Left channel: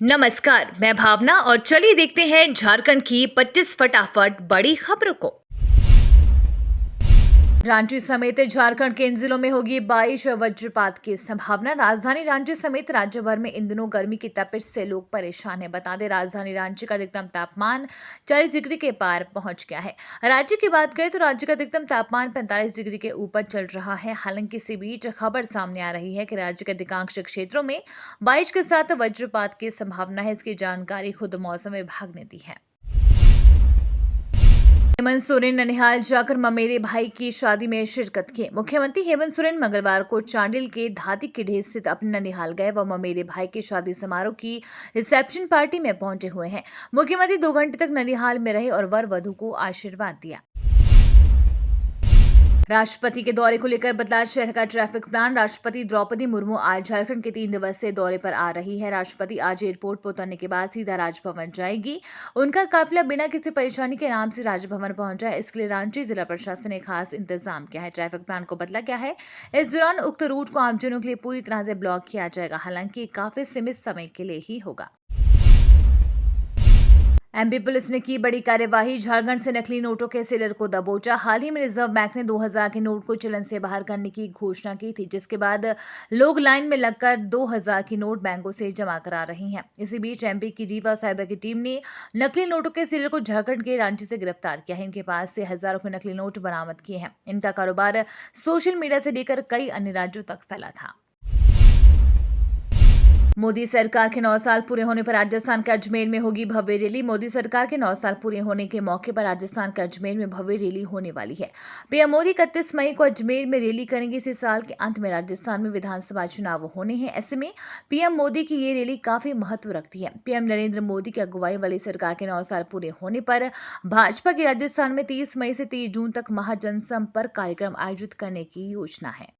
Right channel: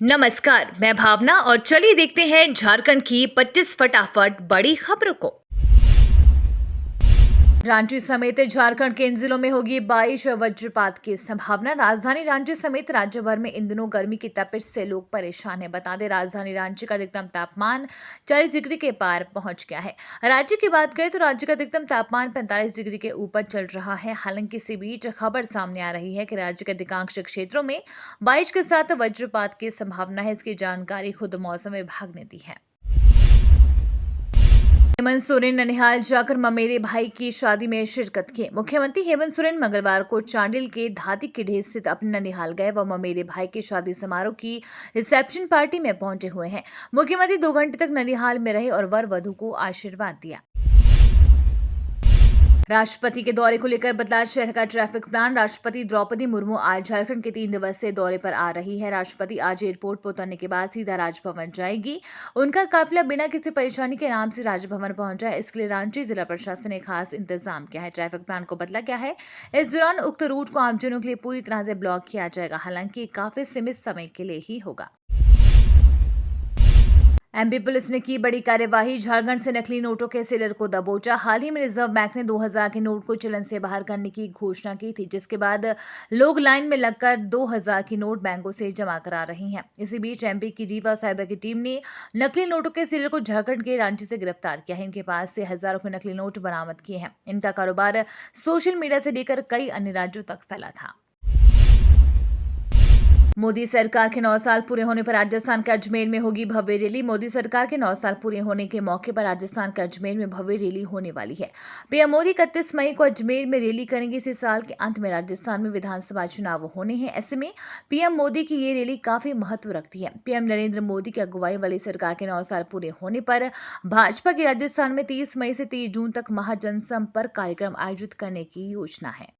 नमस्कार, मैं भावना और चलिए देखते हैं झारखंड की 25 फटाफट बड़ी खबरों को। रांची समेत झारखंड के इन जिलों में होगी बारिश और वज्रपात की संभावना। राजधानी रांची समेत राज्य भर में इन दिनों गर्मी की तपिश से लोग परेशान हैं। बता दें, राजधानी रांची का अधिकतम तापमान 40 डिग्री के पार पहुंच गया है। राज्य की बात करें तो राज्य का अधिकतम तापमान 45 डिग्री के ऊपर चल रहा है। हालांकि इसी बीच खबर सामने आ रही है कि राज्य के अधिकांश क्षेत्रों में बारिश के साथ वज्रपात की संभावना है। इसकी जानकारी खुद मौसम विभाग ने दी है। हेमंत सोरेन ननिहाल जाकर ममेरे भाई की शादी में शिरकत की। मुख्यमंत्री हेमंत सोरेन मंगलवार को चांडिल के धाती किढे स्थित अपने ननिहाल गए व ममेरे भाई की शादी समारोह की रिसेप्शन पार्टी में पहुंचे हुए हैं। मुख्यमंत्री 2 घंटे तक ननिहाल में रहे और वर वधू को आशीर्वाद दिया। राष्ट्रपति के दौरे को लेकर बदला शहर का ट्रैफिक प्लान। राष्ट्रपति द्रौपदी मुर्मू आज झारखंड के 3 दिवसीय दौरे पर आ रही है। राष्ट्रपति आज एयरपोर्ट पर उतरने के बाद सीधा राजभवन जाएगी। उनका काफिला बिना किसी परेशानी के आराम से राजभवन पहुंच जाए, इसके लिए रांची जिला प्रशासन ने खास इंतजाम किया है। ट्रैफिक प्लान को बदला गया है। इस दौरान उक्त रूट को आमजनों के लिए पूरी तरह से ब्लॉक किया जाएगा। हालांकि काफी सीमित समय के लिए ही होगा। एमपी पुलिस ने की बड़ी कार्यवाही। झारखंड से नकली नोटों के सेलर को दबोचा। हाल ही में रिजर्व बैंक ने 2000 के नोट को चलन से बाहर करने की घोषणा की थी, जिसके बाद लोग लाइन में लगकर 2000 की नोट बैंकों से जमा करा रही हैं। इसी बीच एमपी की रीवा साइबर की टीम ने नकली नोटों के सेलर को झारखंड के रांची से गिरफ्तार किया है। इनके पास से हजारों के नकली नोट बरामद किए हैं। इनका कारोबार सोशल मीडिया से लेकर कई अन्य राज्यों तक फैला था। मोदी सरकार के 9 साल पूरे होने पर राजस्थान के अजमेर में होगी भव्य रैली। मोदी सरकार के 9 साल पूरे होने के मौके पर राजस्थान के अजमेर में भव्य रैली होने वाली है। पीएम मोदी 31 मई को अजमेर में रैली करेंगे। इसी साल के अंत में राजस्थान में विधानसभा चुनाव होने हैं। ऐसे में पीएम मोदी की ये रैली काफी महत्व रखती है। पीएम नरेंद्र मोदी की अगुवाई वाली सरकार के 9 साल पूरे होने पर भाजपा की राजस्थान में 30 मई से 30 जून तक महाजनसंपर्क कार्यक्रम आयोजित करने की योजना है।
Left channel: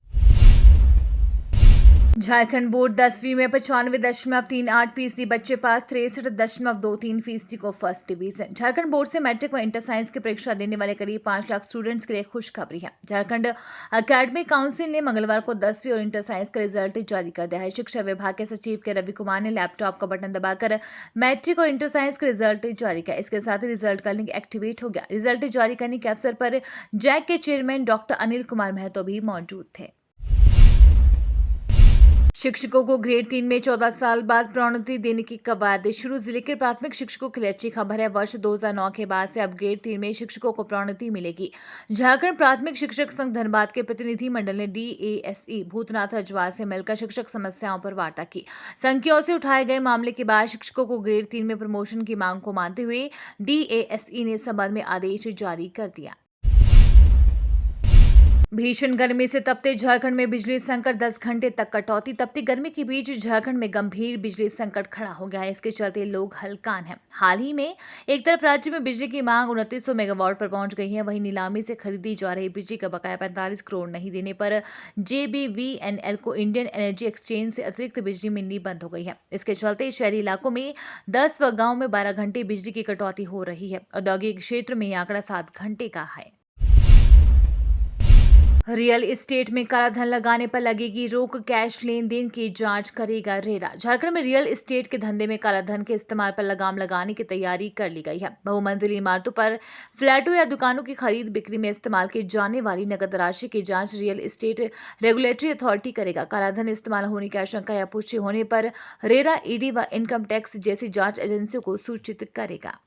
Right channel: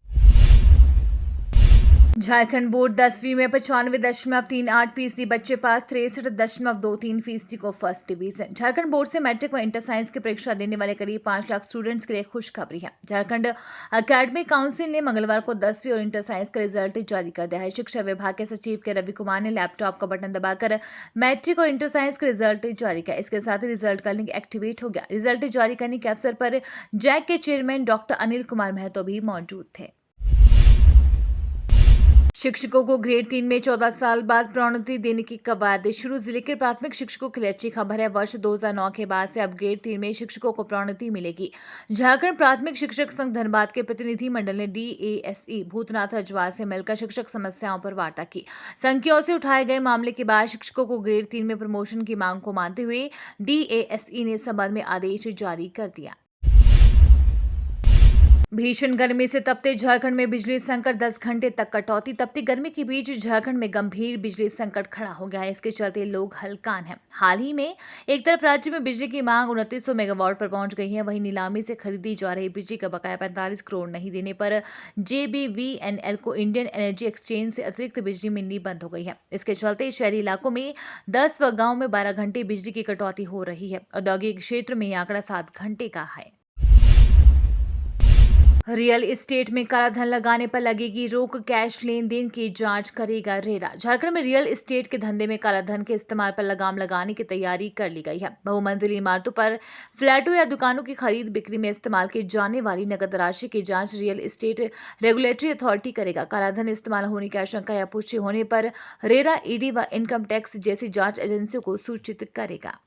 झारखंड बोर्ड 10वीं में 95.38% बच्चे पास, 63.23% को फर्स्ट डिवीजन। झारखंड बोर्ड से मैट्रिक व इंटर साइंस की परीक्षा देने वाले करीब 5 लाख स्टूडेंट्स के लिए खुशखबरी है। झारखंड एकेडमिक काउंसिल ने मंगलवार को 10वीं और इंटर साइंस का रिजल्ट जारी कर दिया है। शिक्षा विभाग के सचिव के रवि कुमार ने लैपटॉप का बटन दबाकर मैट्रिक और इंटर साइंस का रिजल्ट जारी किया। इसके साथ ही रिजल्ट का लिंक एक्टिवेट हो गया। रिजल्ट जारी करने के अवसर पर जैक के चेयरमैन डॉक्टर अनिल कुमार महतो भी मौजूद थे। शिक्षकों को ग्रेड 3 में 14 साल बाद प्रोन्नति देने की कवायद शुरू। जिले के प्राथमिक शिक्षकों के लिए अच्छी खबर है। वर्ष 2009 के बाद से अब ग्रेड 3 में शिक्षकों को प्रोन्नति मिलेगी। झारखंड प्राथमिक शिक्षक संघ धनबाद के प्रतिनिधि मंडल ने DASE भूतनाथ हजवार से मिलकर शिक्षक समस्याओं पर वार्ता की। संख्याओं से उठाए गए मामले के बाद शिक्षकों को ग्रेड 3 में प्रमोशन की मांग को मानते हुए DASE ने इस संबंध में आदेश जारी कर दिया। भीषण गर्मी से तपते झारखंड में बिजली संकट, 10 घंटे तक कटौती। तपती गर्मी के बीच झारखंड में गंभीर बिजली संकट खड़ा हो गया है। इसके चलते लोग हलकान हैं। हाल ही में एक तरफ राज्य में बिजली की मांग 2900 मेगावाट पर पहुंच गई है, वहीं नीलामी से खरीदी जा रही बिजली का बकाया 45 करोड़ नहीं देने पर JBVNL को इंडियन एनर्जी एक्सचेंज से अतिरिक्त बिजली मिलनी बंद हो गई है। इसके चलते शहरी इलाकों में 10 व गाँव में 12 घंटे बिजली की कटौती हो रही है। औद्योगिक क्षेत्र में यह आंकड़ा 7 घंटे का है। रियल एस्टेट में कालाधन लगाने पर लगेगी रोक, कैश लेन देन की जांच करेगा रेरा। झारखंड में रियल एस्टेट के धंधे में कालाधन के इस्तेमाल पर लगाम लगाने की तैयारी कर ली गई है। बहुमंजिली इमारतों पर फ्लैटों या दुकानों की खरीद बिक्री में इस्तेमाल की जाने वाली नकद राशि की जांच रियल एस्टेट रेगुलेटरी अथॉरिटी करेगा। कालाधन इस्तेमाल होने की आशंका या पुष्टि होने पर रेरा ED व इनकम टैक्स जैसी जांच एजेंसियों को सूचित करेगा।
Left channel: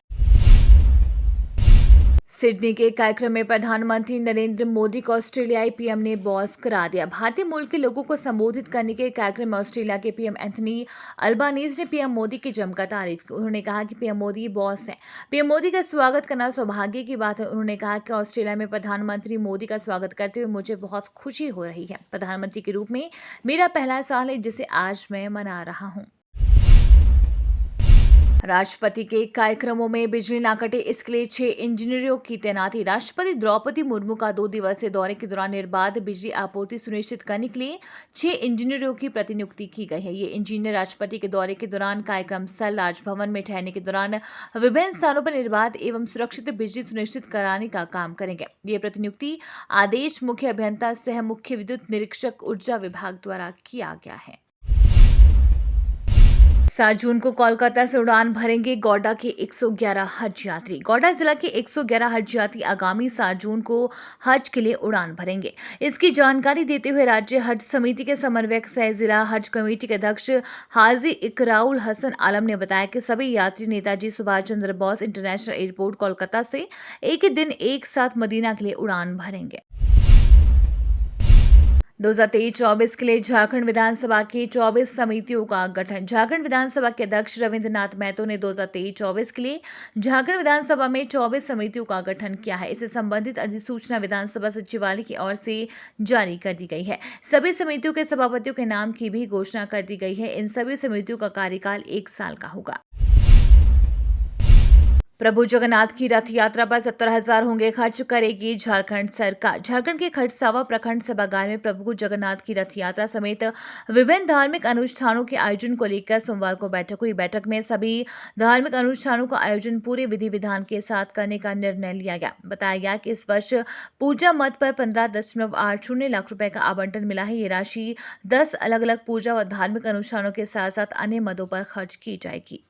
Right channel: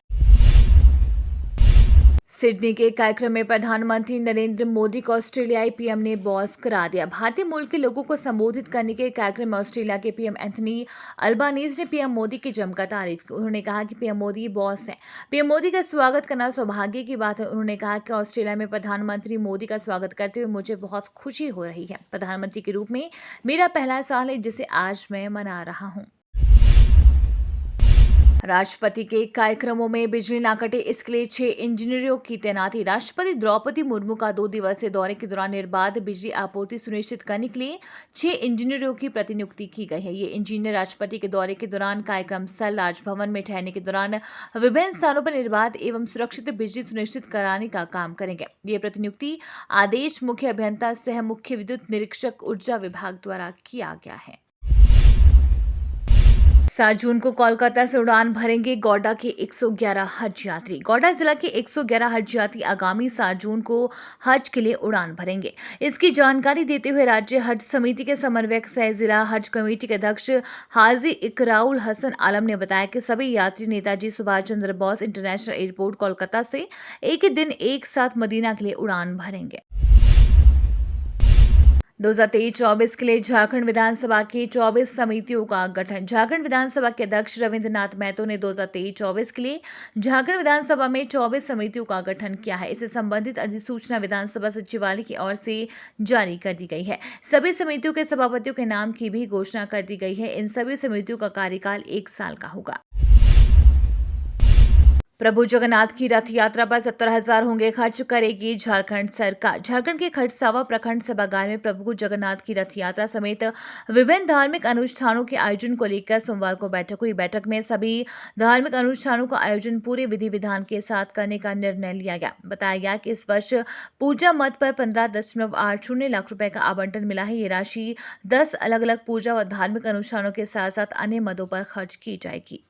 सिडनी के कार्यक्रम में प्रधानमंत्री नरेंद्र मोदी को ऑस्ट्रेलियाई पीएम ने बॉस करा दिया। भारतीय मूल के लोगों को संबोधित करने के कार्यक्रम में ऑस्ट्रेलिया के पीएम एंथनी अल्बानीज ने पीएम मोदी की जमकर तारीफ की। उन्होंने कहा कि पीएम मोदी बॉस हैं। पीएम मोदी का स्वागत करना सौभाग्य की बात है। उन्होंने कहा कि ऑस्ट्रेलिया में प्रधानमंत्री मोदी का स्वागत करते हुए मुझे बहुत खुशी हो रही है। प्रधानमंत्री के रूप में मेरा पहला साल है, जिसे आज मैं मना रहा हूँ। राष्ट्रपति के कार्यक्रमों में बिजली न कटे, इसके लिए 6 इंजीनियरों की तैनाती। राष्ट्रपति द्रौपदी मुर्मू का 2 दिवसीय दौरे के दौरान निर्बाध बिजली आपूर्ति सुनिश्चित करने के लिए 6 इंजीनियरों की प्रतिनियुक्ति की गई है। ये इंजीनियर राष्ट्रपति के दौरे के दौरान, कार्यक्रम स्थल राजभवन में ठहरने के दौरान विभिन्न स्थानों पर निर्बाध एवं सुरक्षित बिजली सुनिश्चित कराने का काम करेंगे। ये प्रतिनियुक्ति आदेश मुख्य अभियंता सह मुख्य विद्युत निरीक्षक ऊर्जा विभाग द्वारा किया गया है। 7 जून को कोलकाता से उड़ान भरेंगे गौडा के 111 हज यात्री। गौडा जिला के 111 हज यात्री आगामी 7 जून को हज के लिए उड़ान भरेंगे। इसकी जानकारी देते हुए राज्य हज समिति के समन्वयक सह जिला हज कमेटी के अध्यक्ष हाजी इकराउल हसन आलम ने बताया कि सभी यात्री नेताजी सुभाष चंद्र बोस इंटरनेशनल एयरपोर्ट कोलकाता से एक ही दिन एक साथ मदीना के लिए उड़ान भरेंगे। 2023-24 के लिए झारखंड विधानसभा की 24 समितियों का गठन। झारखंड विधानसभा के अध्यक्ष रविंद्रनाथ महतो ने 2023-24 के लिए झारखंड विधानसभा में 24 समितियों का गठन किया है। इससे संबंधित अधिसूचना विधानसभा सचिवालय की ओर से जारी कर दी गई है। सभी समितियों के सभापतियों के नाम की भी घोषणा कर दी गई है। इन सभी समितियों का कार्यकाल 1 साल का होगा। प्रभु जगन्नाथ की रथ यात्रा पर 70,000 होंगे खर्च करेगी झारखंड सरकार। झारखंड के खड़सावा प्रखंड सभागार में प्रभु जगन्नाथ की रथ यात्रा समेत विभिन्न धार्मिक अनुष्ठानों के आयोजन को लेकर सोमवार को बैठक हुई। बैठक में सभी धार्मिक अनुष्ठानों का आयोजन पूरे विधि विधान के साथ करने का निर्णय लिया गया। बताया गया कि इस वर्ष पूजा मद पर 15.80 लाख रुपए का आवंटन मिला है। ये राशि 10 अलग अलग पूजा व धार्मिक अनुष्ठानों के साथ साथ अन्य मदों पर खर्च की जाएगी।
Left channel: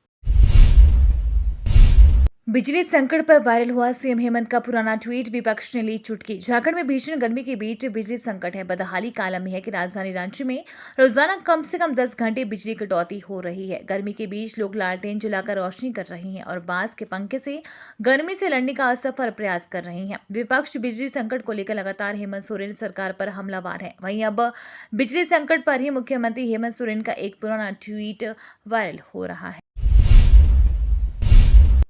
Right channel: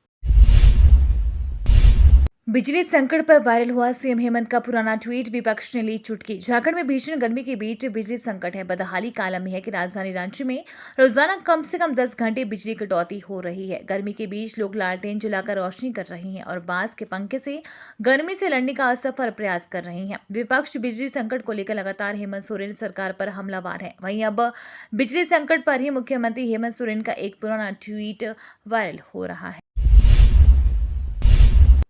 बिजली संकट पर वायरल हुआ सीएम हेमंत का पुराना ट्वीट, विपक्ष ने ली चुटकी। झारखंड में भीषण गर्मी के बीच बिजली संकट है। बदहाली का आलम है कि राजधानी रांची में रोजाना कम से कम 10 घंटे बिजली कटौती हो रही है। गर्मी के बीच लोग लालटेन जलाकर रोशनी कर रहे हैं और बांस के पंखे से गर्मी से लड़ने का असफल प्रयास कर रहे हैं। विपक्ष बिजली संकट को लेकर लगातार हेमंत सोरेन सरकार पर हमलावर है। वहीं अब बिजली संकट पर ही मुख्यमंत्री हेमंत सोरेन का एक पुराना ट्वीट वायरल हो रहा है।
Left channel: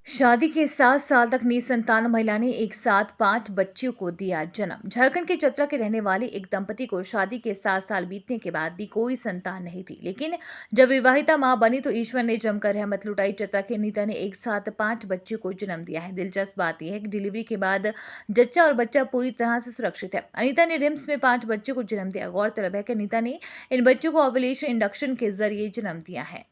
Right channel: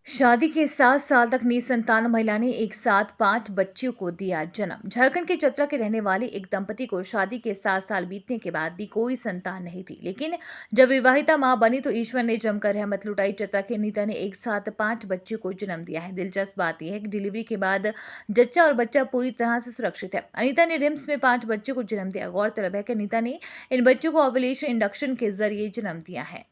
शादी के 7 साल तक निसंतान महिला ने एक साथ 5 बच्चियों को दिया जन्म। झारखंड के चतरा के रहने वाले एक दंपति को शादी के 7 साल बीतने के बाद भी कोई संतान नहीं थी, लेकिन जब विवाहिता मां बनी तो ईश्वर ने जमकर रहमत लुटाई। चतरा की अनीता ने एक साथ 5 बच्चियों को जन्म दिया है। दिलचस्प बात यह है कि डिलीवरी के बाद जच्चा और बच्चा पूरी तरह से सुरक्षित है। अनीता ने रिम्स में 5 बच्चों को जन्म दिया। गौरतलब है कि अनीता ने इन बच्चों को ओव्यूलेशन इंडक्शन के जरिए जन्म दिया है।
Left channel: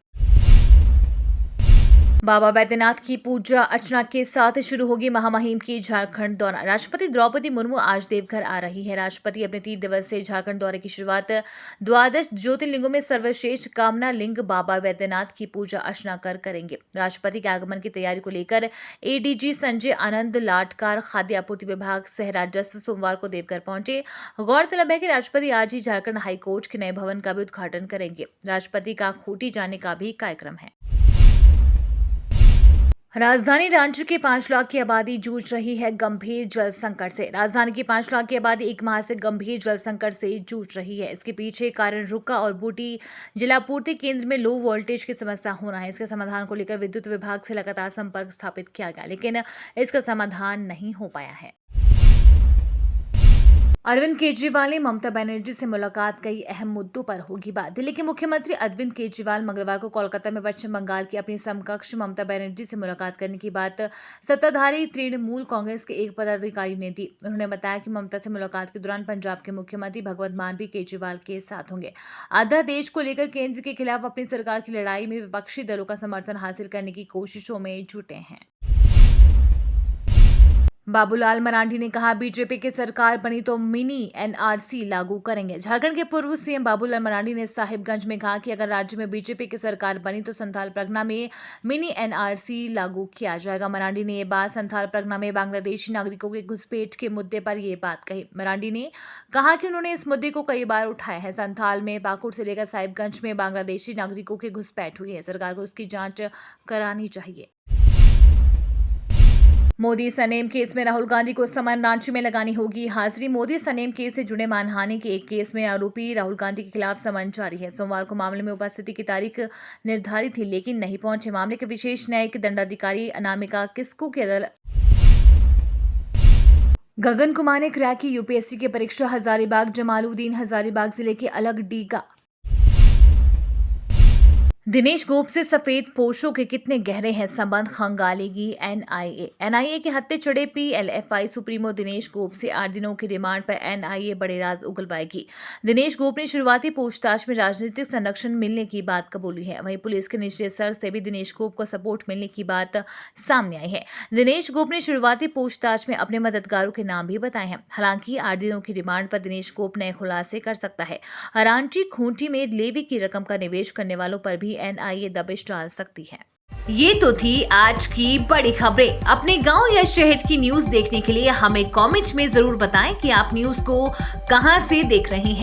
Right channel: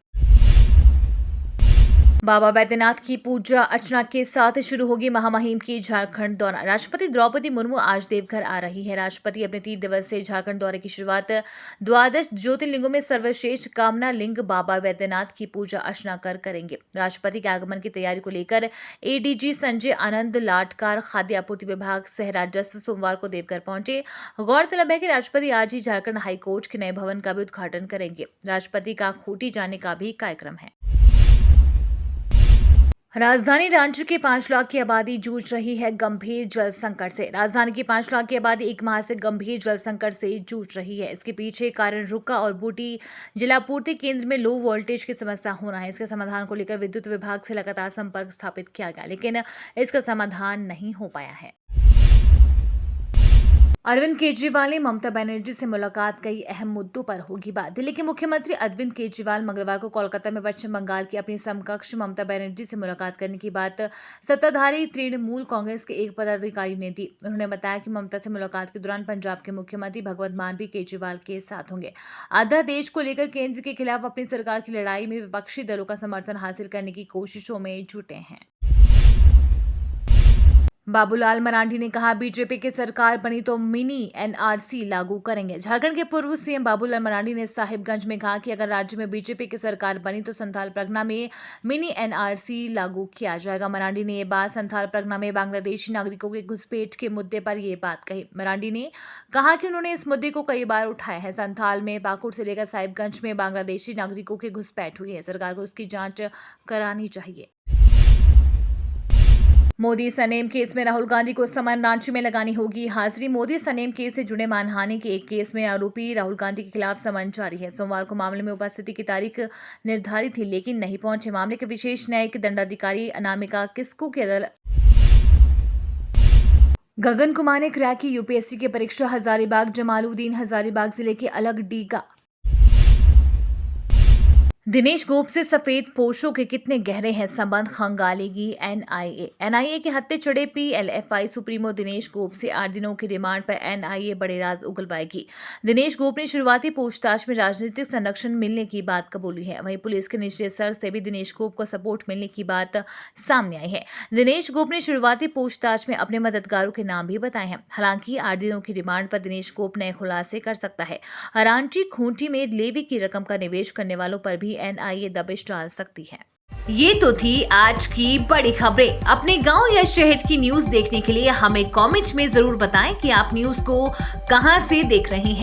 बाबा बैद्यनाथ की पूजा अर्चना के साथ शुरू होगी महामहिम की झारखंड दौरा। राष्ट्रपति द्रौपदी मुर्मू आज देवघर आ रही है। राष्ट्रपति अपने 3 दिवसीय झारखंड दौरे की शुरुआत 12 ज्योतिर्लिंगों में सर्वश्रेष्ठ कामना लिंग बाबा बैद्यनाथ की पूजा अर्चना कर करेंगे। राष्ट्रपति के आगमन की तैयारी को लेकर एडीजी संजय आनंद लाटकार खाद्य आपूर्ति विभाग सह राजस्व सोमवार को देवघर पहुंचे। गौरतलब है कि राष्ट्रपति आज ही झारखंड हाईकोर्ट के नए भवन का भी उद्घाटन करेंगे। राष्ट्रपति का खूंटी जाने का भी कार्यक्रम है। राजधानी रांची के 5 लाख की आबादी जूझ रही है गंभीर जल संकट से। राजधानी की 5 लाख की आबादी 1 माह से गंभीर जल संकट से जूझ रही है। इसके पीछे कारण रुका और बूटी जलापूर्ति केंद्र में लो वोल्टेज की समस्या होना है। इसके समाधान को लेकर विद्युत विभाग से लगातार संपर्क स्थापित किया गया, लेकिन इसका समाधान नहीं हो पाया है। अरविंद केजरीवाल ने ममता बनर्जी से मुलाकात, कई अहम मुद्दों पर होगी बात। दिल्ली के मुख्यमंत्री अरविंद केजरीवाल मंगलवार को कोलकाता में पश्चिम बंगाल की अपनी समकक्ष ममता बनर्जी से मुलाकात करने की बात सत्ताधारी तृणमूल कांग्रेस के एक पदाधिकारी ने दी। उन्होंने बताया कि ममता से मुलाकात के दौरान पंजाब के मुख्यमंत्री भगवंत मान भी केजरीवाल के साथ होंगे। अध्यादेश को लेकर केंद्र के खिलाफ अपनी सरकार की लड़ाई में विपक्षी दलों का समर्थन हासिल करने की कोशिशों में जुटे हैं। बाबूलाल मरांडी ने कहा, बीजेपी की सरकार बनी तो मिनी एनआरसी लागू करेंगे। झारखंड के पूर्व सीएम बाबूलाल मरांडी ने साहिबगंज में कहा कि अगर राज्य में बीजेपी की सरकार बनी तो संथाल परगना में मिनी एनआरसी लागू किया जाएगा। मरांडी ने ये बात संथाल परगना में बांग्लादेशी नागरिकों के घुसपैठ के मुद्दे पर यह बात कही। मरांडी ने कहा कि उन्होंने इस मुद्दे को कई बार उठाया है। संथाल में पाकुड़ से लेकर साहिबगंज में बांग्लादेशी नागरिकों की घुसपैठ हुई है। सरकार को उसकी जांच करानी चाहिए। मोदी सनेम केस में राहुल गांधी को समन रांची में लगानी होगी हाजिरी। मोदी सनेम केस से जुड़े मानहानि के एक केस में आरोपी राहुल गांधी के खिलाफ समन जारी है। सोमवार को मामले में उपस्थिति की तारीख निर्धारित थी, लेकिन नहीं पहुंचे। मामले के विशेष न्यायिक दंडाधिकारी अनामिका किस्कू की अदालत गगन कुमार ने क्रैक की यूपीएससी की परीक्षा। हजारीबाग जमालुद्दीन हजारीबाग जिले के अलग डीगा। दिनेश गोप से सफेद पोशों के कितने गहरे हैं संबंध, खंगालेगी एनआईए। एनआईए के हत्थे चढ़े पीएलएफआई सुप्रीमो दिनेश गोप से 8 दिनों की रिमांड पर एनआईए बड़े राज उगलवाएगी। दिनेश गोप ने शुरुआती पूछताछ में राजनीतिक संरक्षण मिलने की बात कबूली है। वहीं पुलिस के निचले स्तर से भी दिनेश गोप को सपोर्ट मिलने की बात सामने आई है। दिनेश गोप ने शुरुआती पूछताछ में अपने मददगारों के नाम भी बताए हैं। हालांकि 8 दिनों की रिमांड पर दिनेश गोप नए खुलासे कर सकता है। रांची खूंटी में लेवी की रकम का निवेश करने वालों पर भी एनआईए दबिश डाल सकती है। ये तो थी आज की बड़ी खबरें। अपने गांव या शहर की न्यूज देखने के लिए हमें कमेंट्स में जरूर बताएं कि आप न्यूज को कहां से देख रहे हैं।